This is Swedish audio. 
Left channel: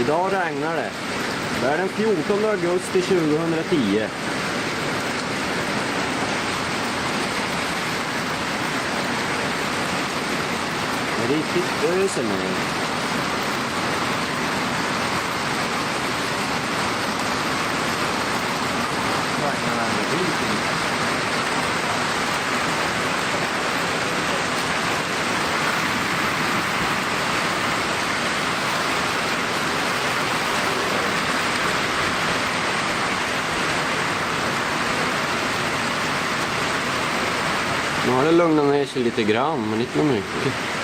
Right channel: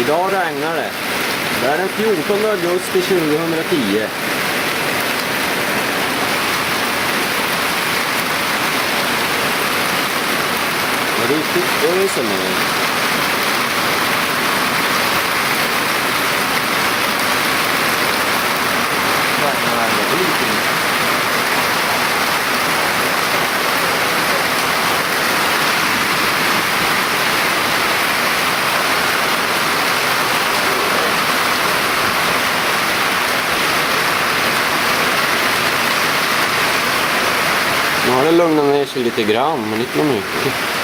Idag regnar det. Det är den 14 augusti 2010. Det är riktigt ösen nu. Nu har det lugnat ner sig lite grann, men inte mycket.